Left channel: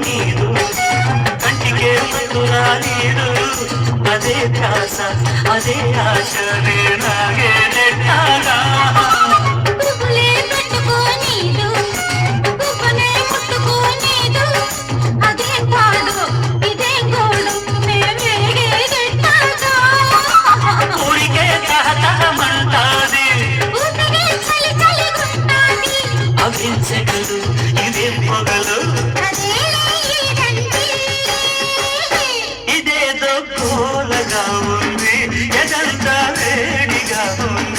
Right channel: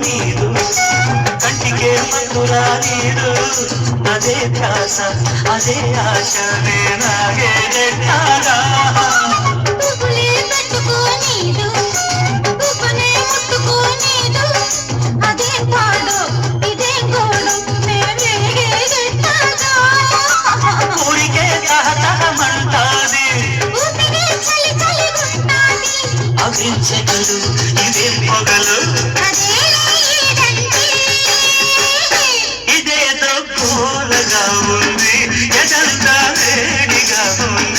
నీరు కంటికే మధురా నీరు అదే ధ్యాస అదే ఆశ నాగే నెట్టాగా అవించగలు ఇదే పొగలు ఇదేదో పూలగా ఉంది ఎదంతా వేడిగా ఉంది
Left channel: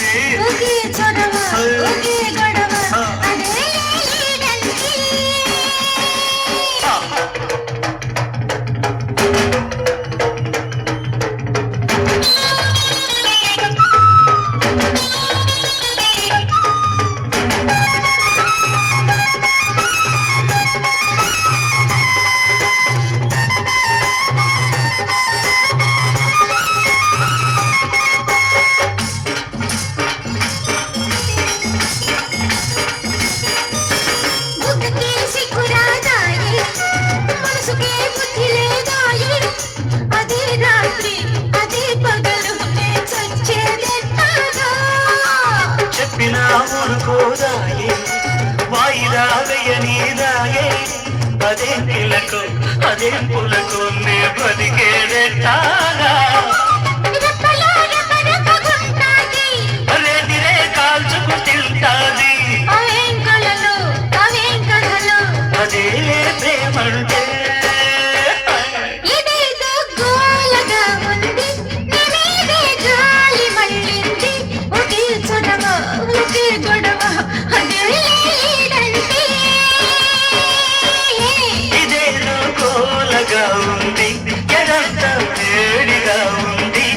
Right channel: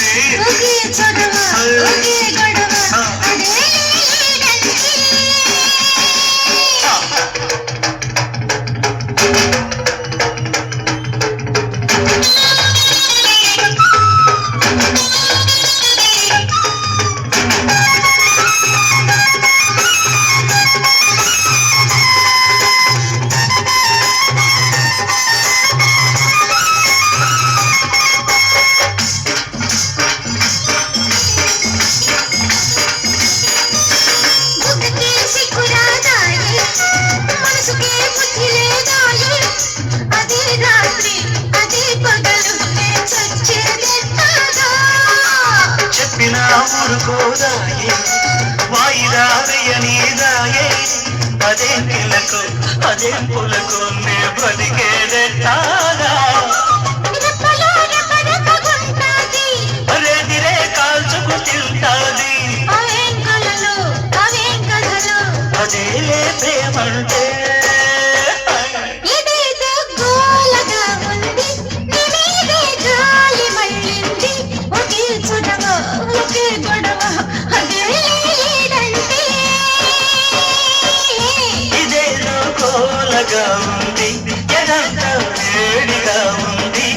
చెప్పినా ఊరుకోదాయే వాయిదా వేయనీదాయే పదే పిల్లకు పదే పులకు నే బ్రతికేదెట్టాగా రేదిరే కాల్చుకు తింటాది అదే ప్రేమంటే ఇదేదో కోలగా ఉంది ఎదంతా వేడిగా ఉంది